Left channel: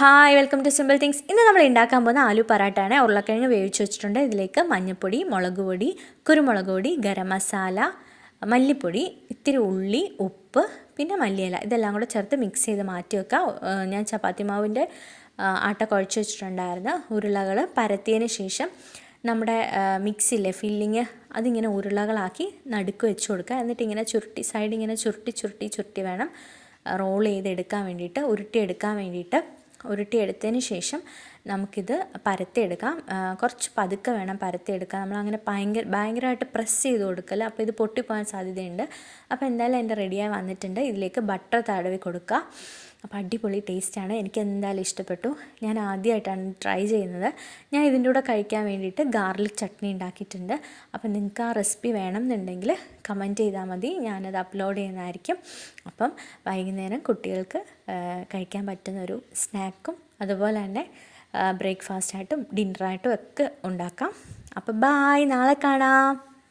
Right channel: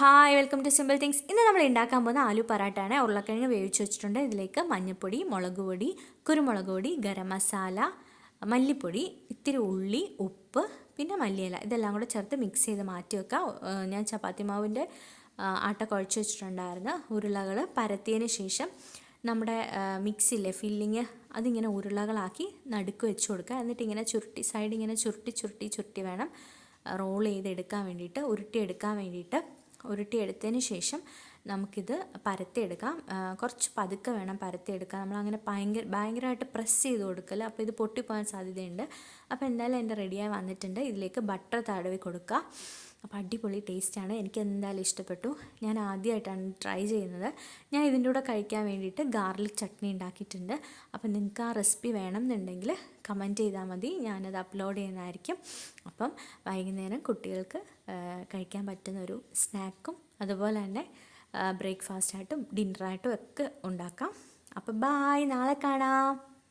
Hi welcome to simple things. ഇന്ന് നമ്മൾ ഉണ്ടാക്കാൻ പോകുന്ന ആലു പറാട്ടയാണ്. ഉരുളക്കിഴങ്ങ് വേവിച്ച് വെച്ചിട്ടുണ്ട്. ഇതിലേക്ക് മഞ്ഞൾപ്പൊടി, മുളക് പൊടി, കുരുമുളക് പൊടി, ഗരം മസാല, മല്ലിപ്പൊടി, ഇത്തിരി ഉള്ളി, ഉപ്പ്, പിന്നെ മല്ലിയില ഇതെല്ലാം കൂടെ ചേർത്ത് മിക്സ് ചെയ്ത് മാറ്റി വെക്കാം. ഞാൻ ചപ്പാത്തി മാവിൻ്റെ ആട്ട കുഴച്ച് വെച്ചിട്ടുണ്ടായിരുന്നു. ഉരുളകൾ പരത്തിയതിന് ശേഷം നമ്മുടെ മിക്സിയിലെ ഫില്ലിങ് അതിങ്ങനെ ഉരുളകളാക്കി നടുക്ക് വെച്ച് കൊടുക്കുക. എന്നിട്ട് ഇങ്ങനെ ചുരുട്ടി സൈഡ് ഇങ്ങനെ ചുരുട്ടി വേണം റോൾ ചെയ്തെടുക്കാൻ വേണ്ടിയിട്ട്, ഉരുട്ടിയെടുത്തതിന് ശേഷം നമുക്കിത് പരത്തിയെടുക്കാം. കുറച്ച് പതുക്കെ വേണം പരത്തിയെടുക്കാൻ. നമ്മളങ്ങനെ ഭയങ്കരമായിട്ട് പ്രസ് ചെയ്ത് കൊടുക്കല്ല, അപ്പോൾ ഇത് പൊട്ടിപ്പോകാൻ സാധ്യതയുണ്ട്. അപ്പോൾ എന്തായാലും എൻ്റെ റെഡിയായി വന്നിട്ടുണ്ട്. ഇതിലേക്ക് ബട്ടർ തടവി കൊടുക്കുക. അപ്പോൾ അടിപൊളി ടേസ്റ്റാണ്. എനിക്ക് എന്തായാലും ഇഷ്ടപ്പെട്ടു. ഞാൻ ആദ്യമായിട്ടാണ് ട്രൈ ചെയ്യുന്നത്. ഞാൻ ഇതിൻ്റെ കൂടെ കഴിക്കാൻ വേണ്ടിയിട്ട് ഗാർലിക് ചട്നി ഉണ്ടാക്കിയിട്ടുണ്ട്. അപ്പോൾ നിങ്ങൾക്ക് ആ റെസിപ്പി വേണം എന്നുണ്ടെങ്കിൽ കമൻറ്റ് ചെയ്താൽ മതി, ഞാനത് അപ്ലോഡ് ചെയ്യുന്നതായിരിക്കും. അപ്പം വൈകുന്നേരം കുട്ടികൾക്ക് കഴിക്കാൻ പറ്റുന്നൊരു സ്നാക്കും അതുപോലെ തന്നെ ബ്രേക്ക്ഫാസ്റ്റായിട്ടും ഡിന്നറായിട്ടും ഒക്കെ ഉണ്ടാക്കാം. അപ്പോൾ ബായ്, നാളെ കാണാം.